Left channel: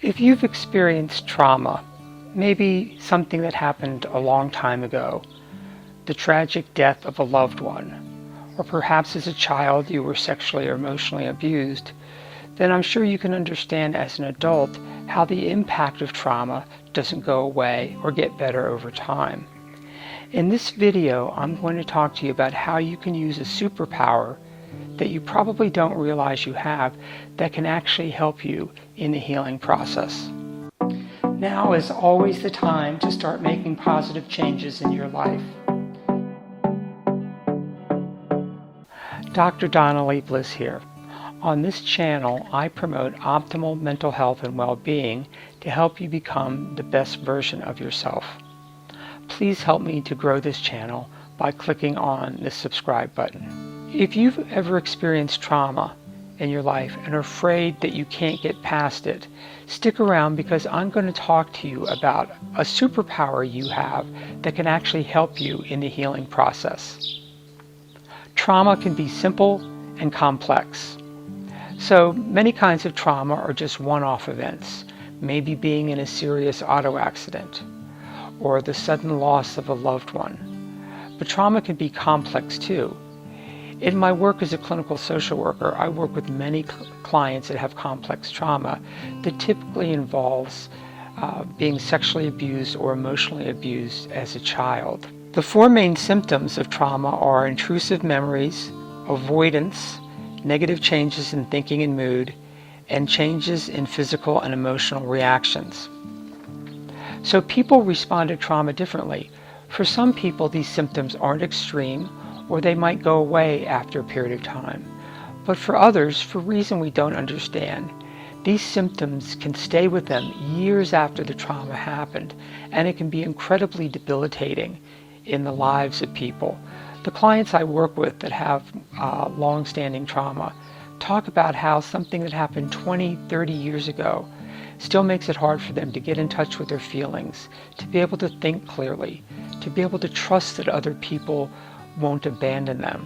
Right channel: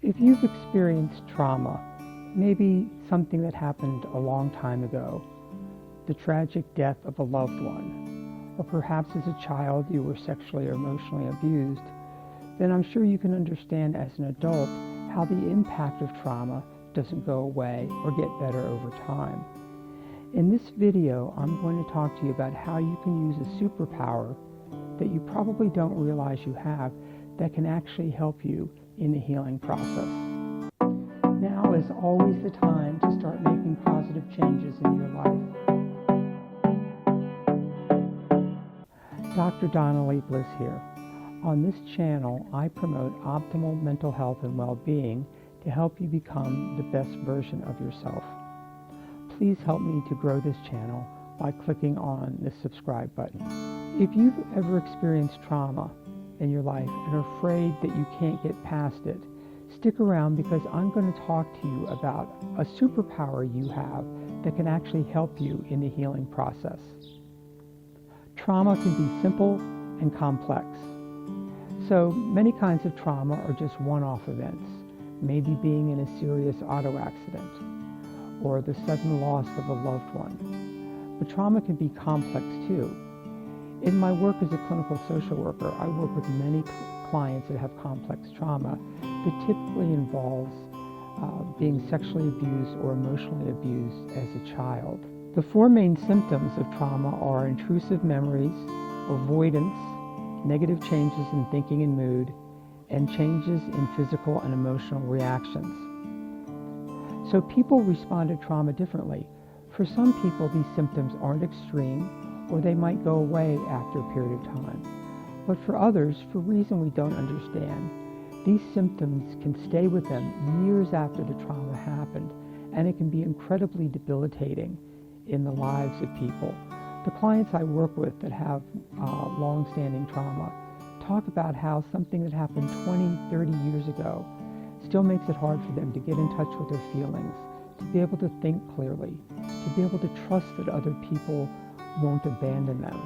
If you've experienced trauma, maybe something that happened a long time ago, the tragic death of a loved one, or perhaps as a child you were sexually or emotionally abused, then I'm sure you can understand as an adult how the impact of trauma doesn't go away or get better over time. In this video, I'm going to talk to you about how you can use a superpower that you probably don't realize you have that can actually help you in the healing process. Now is always the time to start making positive changes in your life. Dr. Donna, Leigh, Bliss here. On this channel, I promote optimal mental health and well-being to help you become the best version of yourself. Please help me to grow this channel by clicking on the subscribe button. If you've ever experienced trauma in your life and are afraid that you can't get past it, stick around because I'm going to talk to you about a superpower you have that can actually help you in the healing process. Trauma can be simple and complex. So many kinds of trauma are just one-off events, maybe being in a serious auto accident or the sudden loss of a loved one. But trauma can be complex too. In my work as a clinical social worker, I work with many clients that have complex trauma that typically involves being sexually abused or emotionally abused as a child. The four main symptoms of trauma are intrusive memories, avoidance, negative changes in thinking and mood, and changes in physical and emotional reactions. So people respond to trauma differently. For some people, these symptoms aren't extreme, or they might go away after a period of time. But for others, for a reason we don't understand, these symptoms can stay with them years after the trauma happened, and it can be incredibly debilitating in the lives of people. The clients I work with that have long-standing trauma talk about how something that happened 20, 30 years ago still makes it hard for them to get in touch with their feelings, to be able to think clearly, to be able to trust that other people won't abandon them.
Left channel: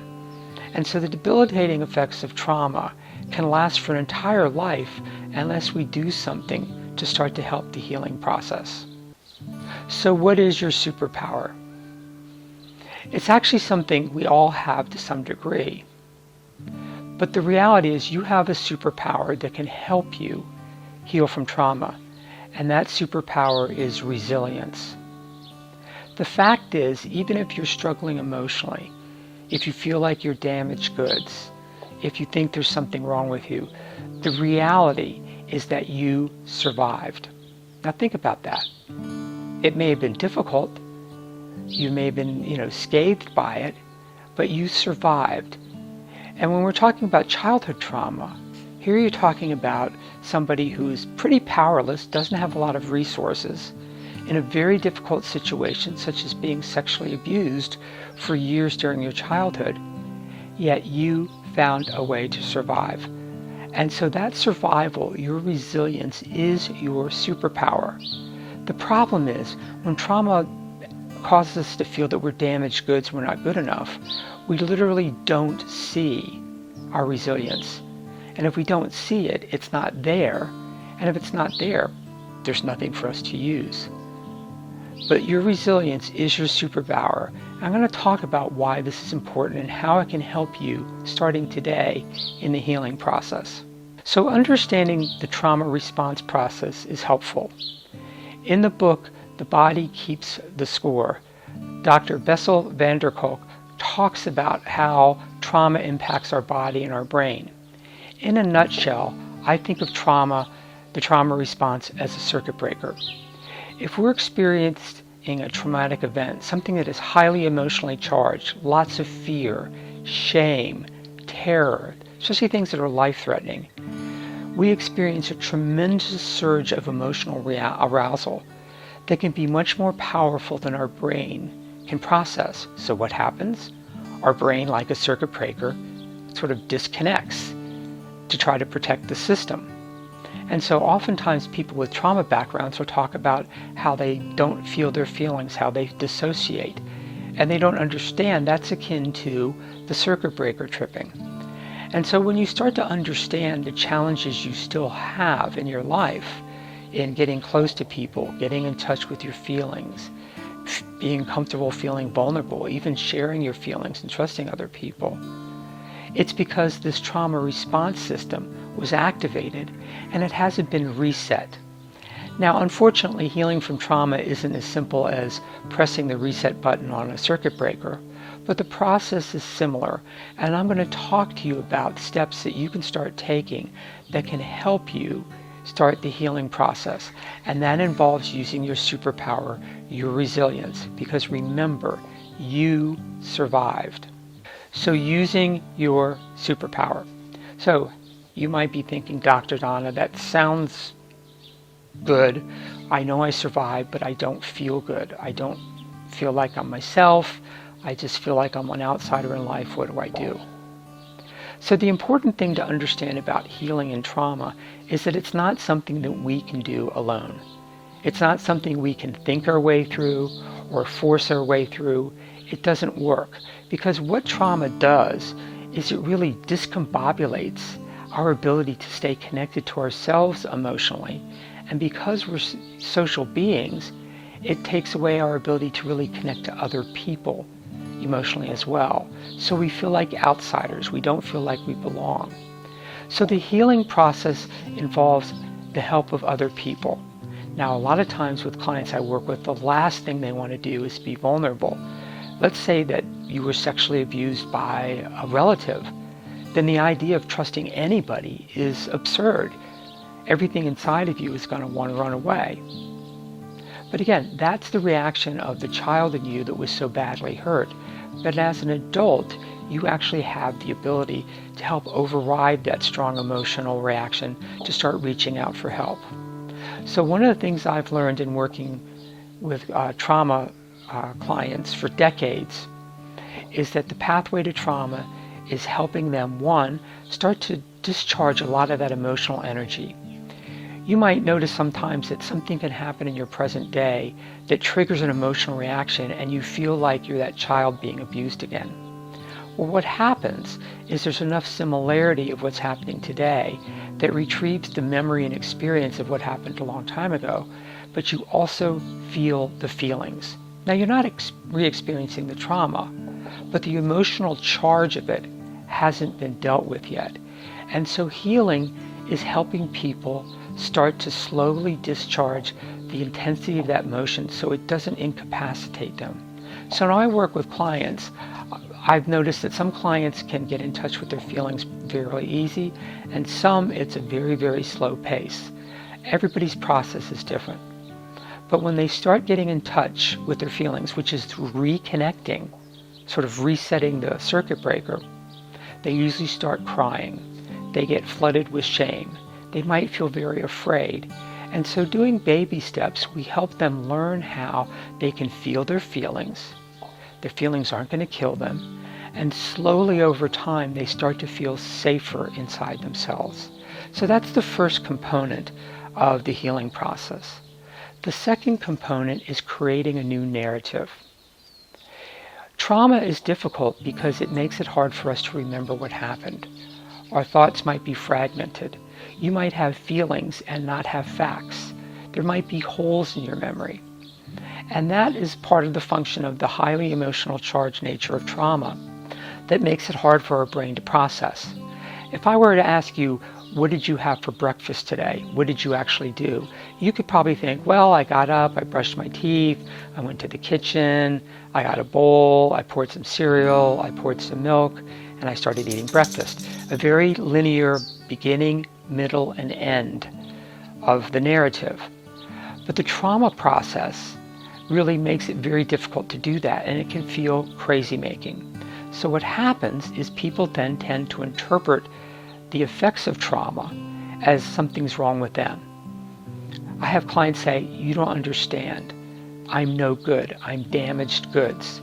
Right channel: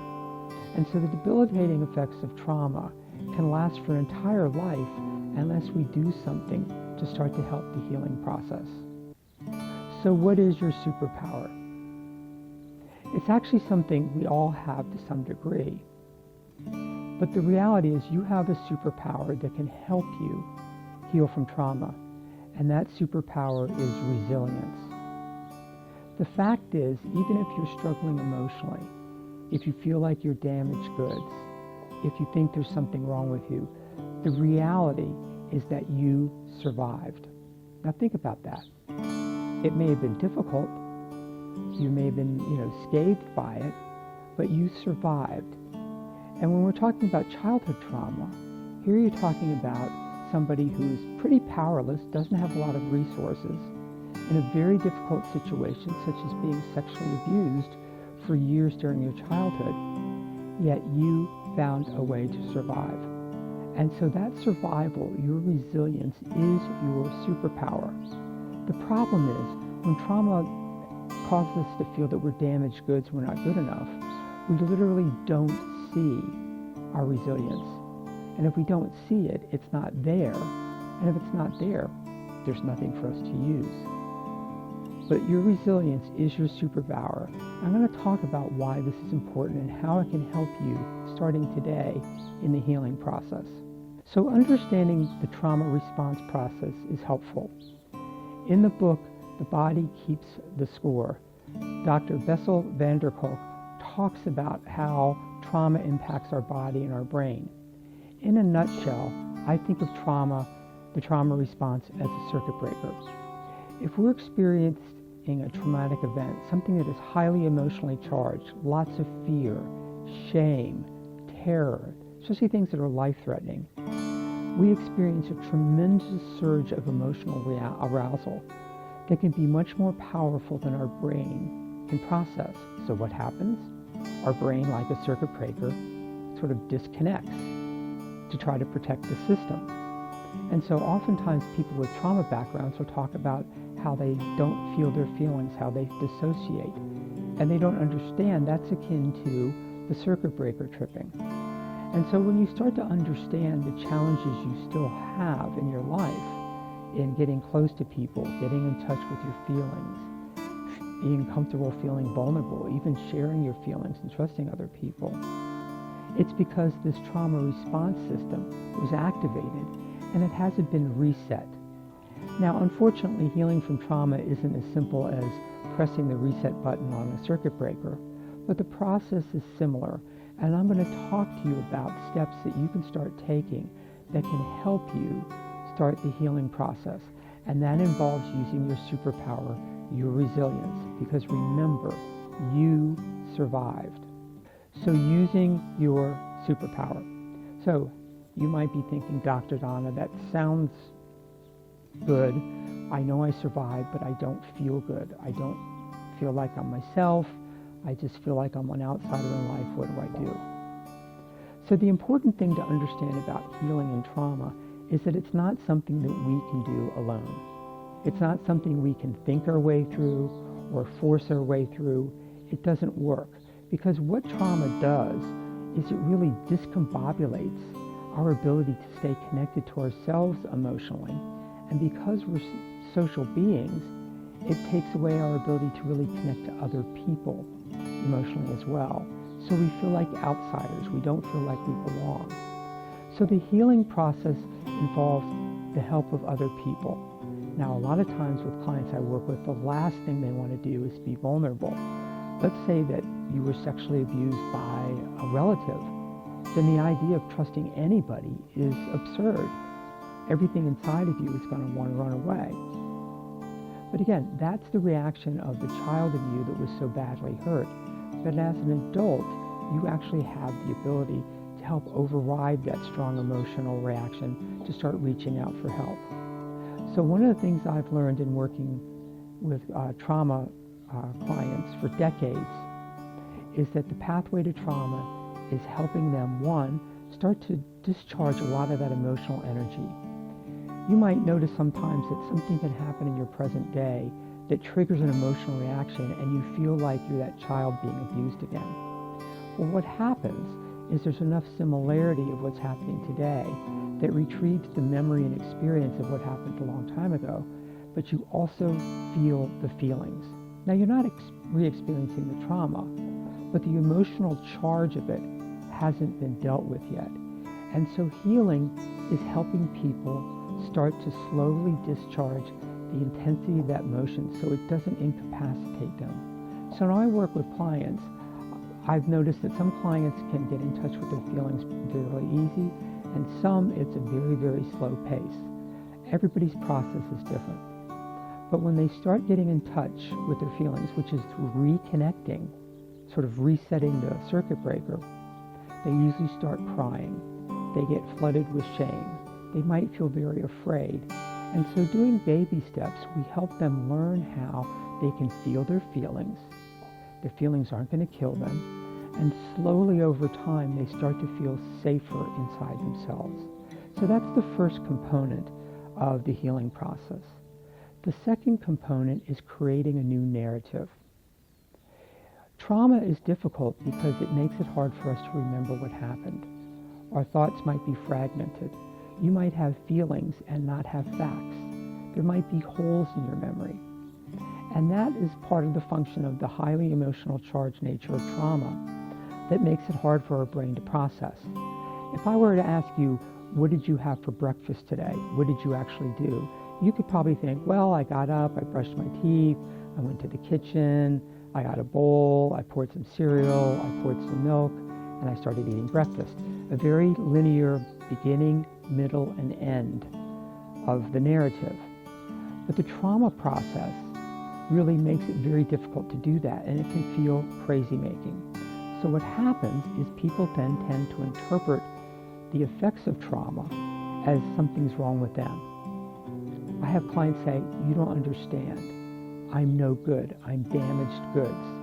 And so the debilitating effects of trauma can last for an entire life unless we do something to start to help the healing process. So what is your superpower? It's actually something we all have to some degree. But the reality is you have a superpower that can help you heal from trauma, and that superpower is resilience. The fact is, even if you're struggling emotionally, if you feel like you're damaged goods, if you think there's something wrong with you, the reality is that you survived. Now think about that. It may have been difficult, you may have been, scathed by it, but you survived. And when we're talking about childhood trauma, here you're talking about somebody who's pretty powerless, doesn't have a lot of resources, in a very difficult situation, such as being sexually abused for years during your childhood, yet you found a way to survive. And so that survival, your resilience, is your superpower. The problem is, when trauma causes us to feel that we're damaged goods, we're not good enough, we literally don't see our resilience. And if we don't see it, it's not there. And if it's not there, there's nothing for us to use. But your resilience is your superpower. I'm going to talk about why this is important and how it can help you starting today in the healing process. So understanding the trauma response process is helpful. In the book, The Body Keeps the Score, Dr. Bessel van der Kolk talks about how trauma impacts our body and our brain. In a nutshell, I think of the trauma response as a circuit breaker. If we're experiencing a traumatic event, something that is highly emotionally charged, lots of fear, shame, terror, especially things that are life-threatening, we experience a tremendous surge of emotional arousal that can be much more powerful than our brain can process. So what happens? Our brain, like a circuit breaker, sort of disconnects to try to protect the system. And so oftentimes people with trauma backgrounds will talk about how they don't feel their feelings, how they dissociate. And they don't understand that's akin to the circuit breaker tripping. And so when you start to understand the challenges you still have in your life, in getting close to people, getting in touch with your feelings, being comfortable feeling vulnerable, even sharing your feelings and trusting other people. It's because this trauma response system was activated and it hasn't been reset. Now, unfortunately, healing from trauma isn't as simple as pressing the reset button on a circuit breaker, but the process is similar, and I'm going to talk to you about steps that you can start taking that can help you start the healing process. And that involves using your superpower, your resilience, because remember, you survived. So using your superpower. So you might be thinking, Dr. Donna, that sounds good. I know I survived, but I don't feel good. I don't feel like I'm myself. I just feel like I'm an outsider in life. What do I do? So the important thing to understand about healing and trauma is that it's not something that we can do alone. It's not something we can think our way through or force our way through. It doesn't work, because what trauma does is it really discombobulates our ability to stay connected to ourselves emotionally. And because we're social beings, it takes away our ability to really connect to other people emotionally as well. So we feel like outsiders. We don't feel like we belong. So the healing process involves the help of other people. Now, a lot of times with clients I work with, the last thing they want to do is be vulnerable. Let's say that you were sexually abused by a relative. Then the idea of trusting anybody is absurd. Everything inside of you is going to want to run away. But again, that's the reaction of the child in you that was so badly hurt. But as an adult, you actually have the ability to help override that strong emotional reaction to start reaching out for help. So one of the things I've learned in working with trauma clients for decades is that the pathway to trauma is helping them, one, start to discharge a lot of that emotional energy. You might notice sometimes that something can happen in your present day that triggers an emotional reaction and you feel like you're that child being abused again. Well, what happens is there's enough similarity of what's happening today that retrieves the memory and experience of what happened a long time ago, but you also feel the feelings. Now, you're not re-experiencing the trauma, but the emotional charge of it hasn't been dealt with yet. And so healing is helping people start to slowly discharge the intensity of that emotion so it doesn't incapacitate them. So when I work with clients, I've noticed that some clients can get in touch with their feelings very easy, and some it's a very, very slow pace. Everybody's process is different. But when they start getting in touch with their feelings, which is through reconnecting, sort of resetting the circuit breaker, they usually start crying. They get flooded with shame. They might feel very afraid. And so doing baby steps, we help them learn how they can feel their feelings. Their feelings aren't going to kill them. And slowly over time, they start to feel safer inside themselves. So that's the first component of the healing process. The second component is creating a new narrative. Trauma is difficult because it makes it hard for us to remember what happened. Our thoughts might be fragmented. You might have feelings and not have facts. There might be holes in your memory. And that is part of the function of the highly emotional charged nature of trauma that makes it hard for our brain to process. If I were to ask you, what did you have for breakfast today? What did you actually do? You could probably think, well, I got up, I brushed my teeth, I went to the kitchen, I got a bowl, I poured some cereal, I poured some milk, and I started eating breakfast. A very linear beginning, middle, and end of the narrative. But the trauma process really makes it very difficult to do that, and it can feel crazy making. So what happens is people then tend to interpret the effects of trauma as something's wrong with them. I have clients say, you don't understand. I'm no good. I'm damaged goods.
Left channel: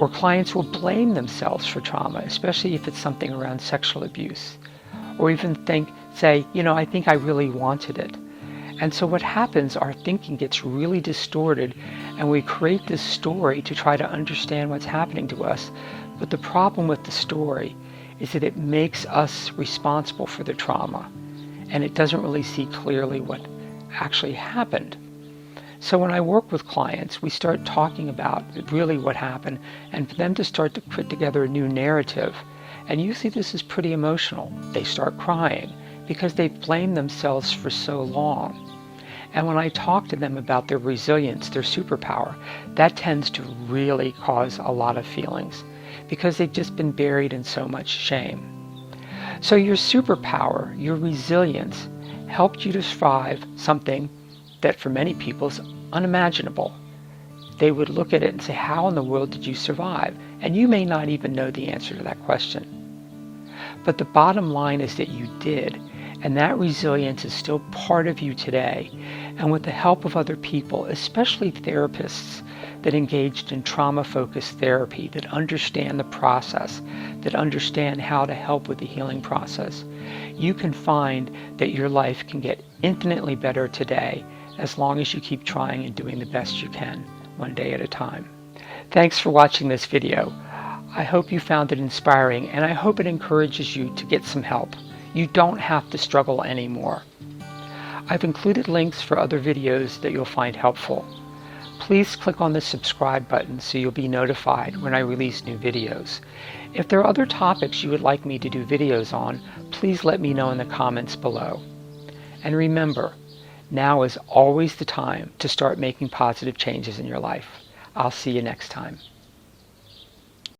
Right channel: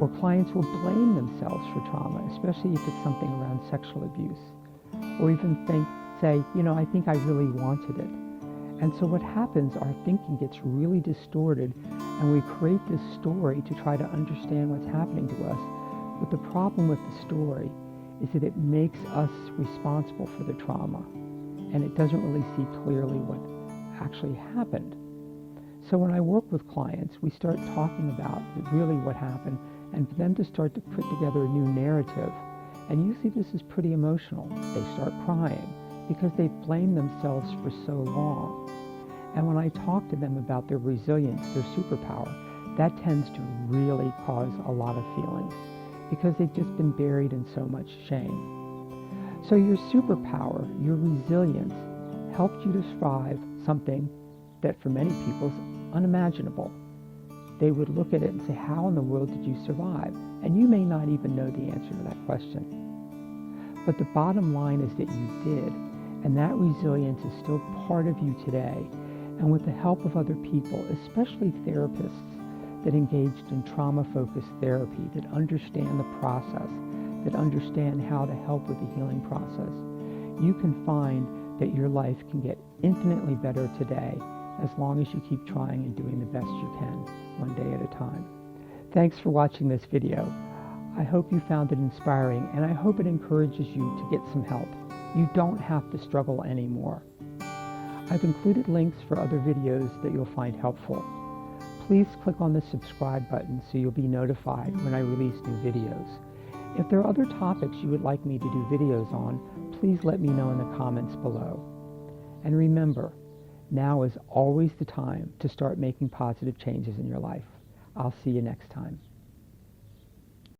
Or clients will blame themselves for trauma, especially if it's something around sexual abuse. Or even say, I think I really wanted it. And so what happens, our thinking gets really distorted, and we create this story to try to understand what's happening to us. But the problem with the story is that it makes us responsible for the trauma, and it doesn't really see clearly what actually happened. So when I work with clients, we start talking about really what happened, and for them to start to put together a new narrative. And usually this is pretty emotional. They start crying because they've blamed themselves for so long. And when I talk to them about their resilience, their superpower, that tends to really cause a lot of feelings because they've just been buried in so much shame. So your superpower, your resilience, helped you to survive something that for many people is unimaginable. They would look at it and say, how in the world did you survive? And you may not even know the answer to that question. But the bottom line is that you did, and that resilience is still part of you today. And with the help of other people, especially therapists that engaged in trauma-focused therapy, that understand the process, that understand how to help with the healing process, you can find that your life can get infinitely better today as long as you keep trying and doing the best you can, one day at a time. Thanks for watching this video. I hope you found it inspiring, and I hope it encourages you to get some help. You don't have to struggle anymore. I've included links for other videos that you'll find helpful. Please click on the subscribe button so you'll be notified when I release new videos. If there are other topics you would like me to do videos on, please let me know in the comments below. And remember, now is always the time to start making positive changes in your life. I'll see you next time.